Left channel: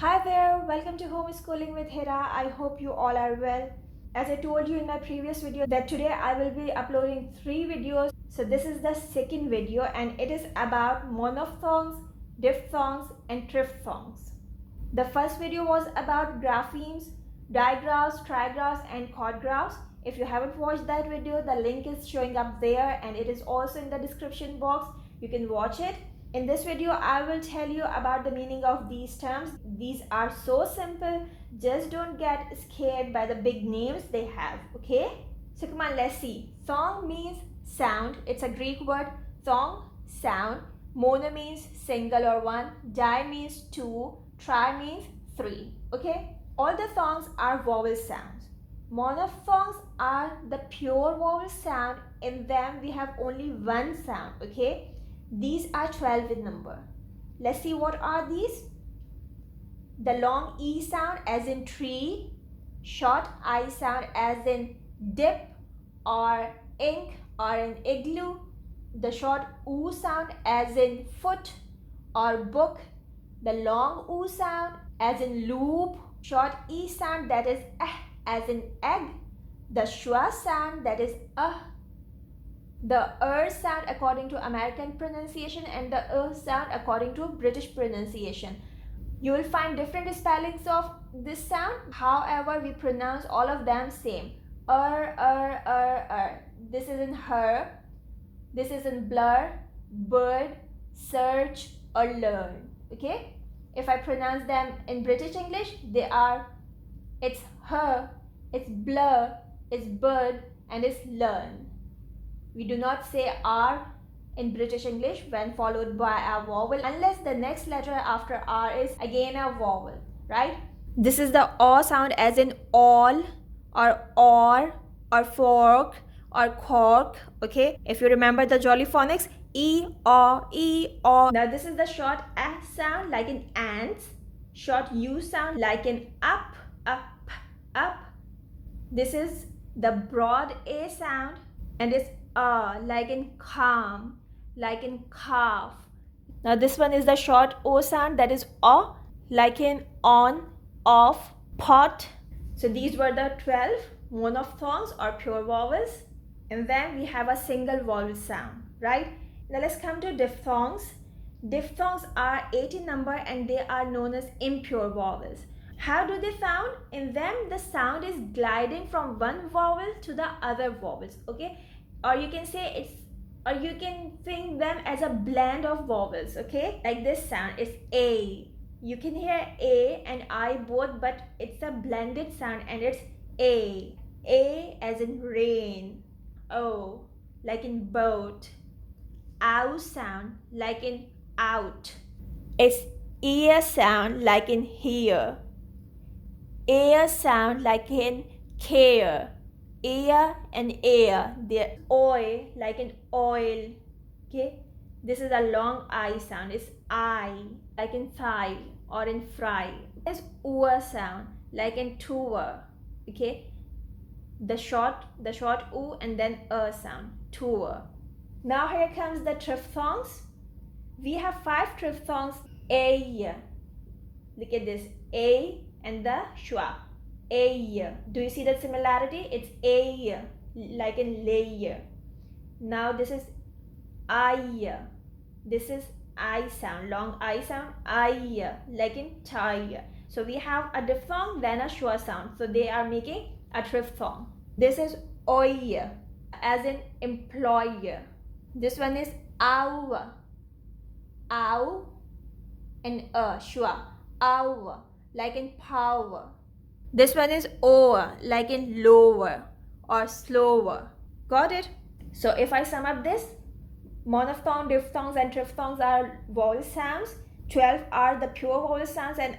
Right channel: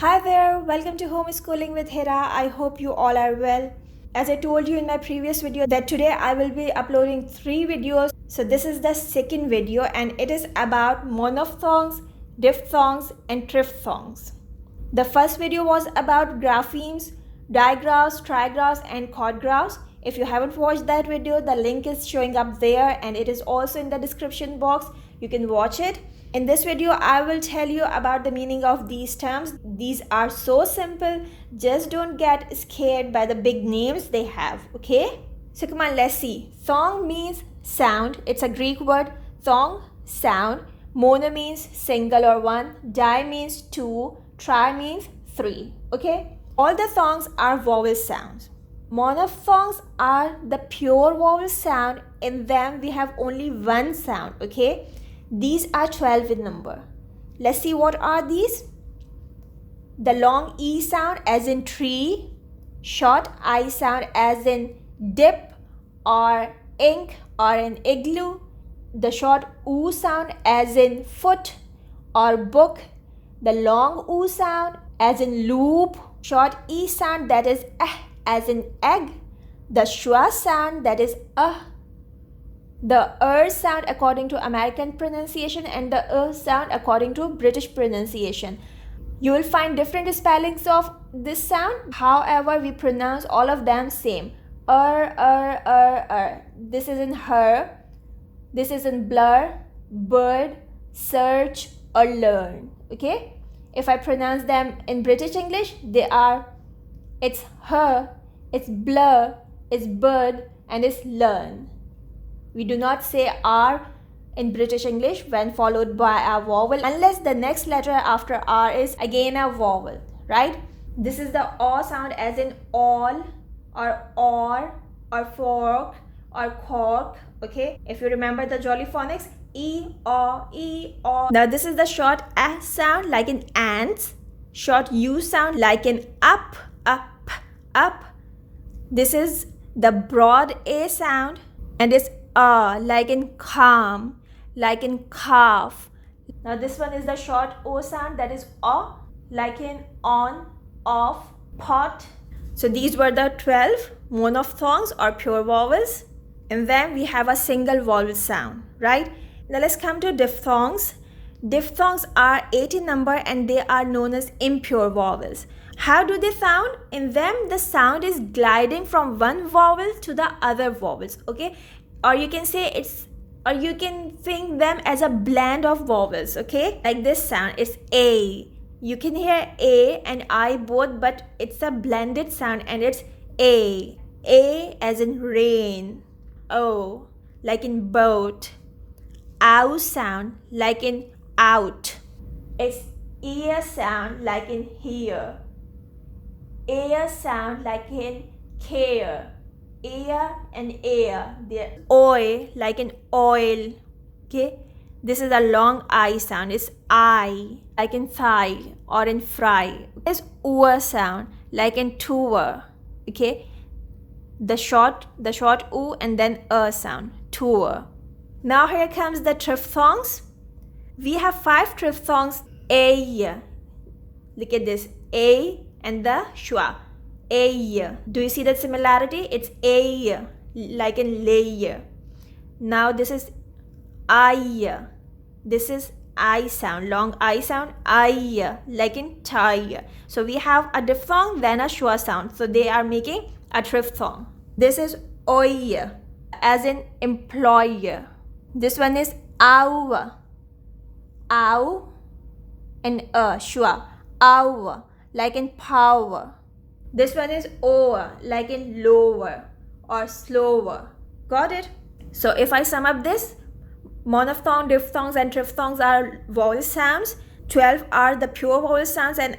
Hi there, welcome to Homeschooling with Hira. I hope you all are well. As I told you in my previous video that today I will be uploading 3 videos. So this is the second video and it is about monophthongs, diphthongs and triphthongs. The first video was about graphemes, digraphs, trigraphs and quadgraphs. If you haven't watched that video, the link is showing up there and it is also in the description box. You can watch it. In this video, I will tell you about the meaning of these terms. These are so simple. Just don't get scared by the big names they have, okay? So come on, let's see. Thong means sound. It's a Greek word. Thong, sound. Mono means single or one. Di means two. Tri means three, okay? All the thongs are vowel sounds. Monophthongs are the pure vowel sound. In them, we have only one sound, okay? These are 12 in number. Let's see what are these. The long E sound as in tree, short I sound as in dip or ink or an igloo, the short U sound as in foot or book, the long U sound as in loop, short E sound that is as in egg, the schwa sound that is the sound according to American pronunciation and the sound according to British pronunciation. You will find different spellings of this sound. However, we pronounce all of them same. This is in her. This is in blur, bird, search or learn. Okay? If I pronounce them in British English, it's her, it's blur, it's bird and it's learn. We do not say R in British English when followed by a vowel unless the next letter after R is again a vowel, right? This is the O sound as in all or fork or cork, okay? If you remember the jolly phonics, E, O. Now this is the short A sound like in ants, short U sound like in up. This is the broad A sound and it's like in calm, like in calf. Now this one is the short O sound that is O, like in on, off, pot. So these were the 12 monophthongs or pure vowels. And then we have a single vowel sound, right? Now let's come to diphthongs. Diphthongs are 8 in number and they are known as impure vowels. How do they sound? In them, the sound is gliding from one vowel to the other vowels, okay? Or you can think them as a blend of vowels, okay? Like this sound is A. You can hear A and I both, but it's a blended sound and it's A. A as in rain. O like in boat. Ow sound like in out. It's ear sound like in hear. Air sound like in care. Ear and air, they're oil like in oil, okay? This is a long I sound, it's I like in thigh or in fry. There's oor sound like in tour, okay? The short U and then sound, tour. Now here comes the triphthongs. We have 5 triphthongs. A, look at this, A and the schwa. A. Do you see that similarity? It's A, like in layer. Now this is I. This is I sound, long I sound, I, like in tie. So we have a diphthong, then a schwa sound. So they are making a triphthong. This is oi, as in employer. This one is ow. Ow and schwa. Ow, like in power. This one is over, like in lower or slower. Got it? So if I sum up this, monophthong, diphthongs and triphthongs are vowel sounds. 12 are the pure vowel sounds and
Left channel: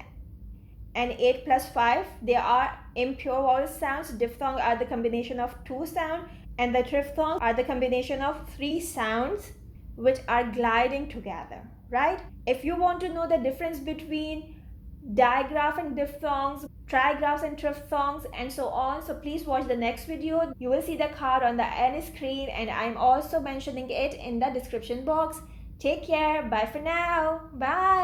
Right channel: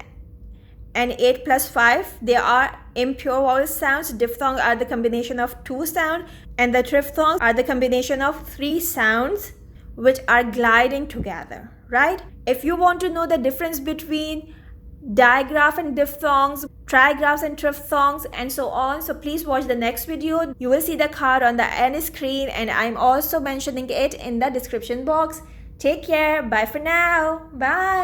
8 plus 5, they are impure vowel sounds. Diphthongs are the combination of 2 sounds and the triphthongs are the combination of 3 sounds which are gliding together, right? If you want to know the difference between digraph and diphthongs, trigraphs and triphthongs and so on, so please watch the next video. You will see the card on the end screen and I'm also mentioning it in the description box. Take care. Bye for now. Bye.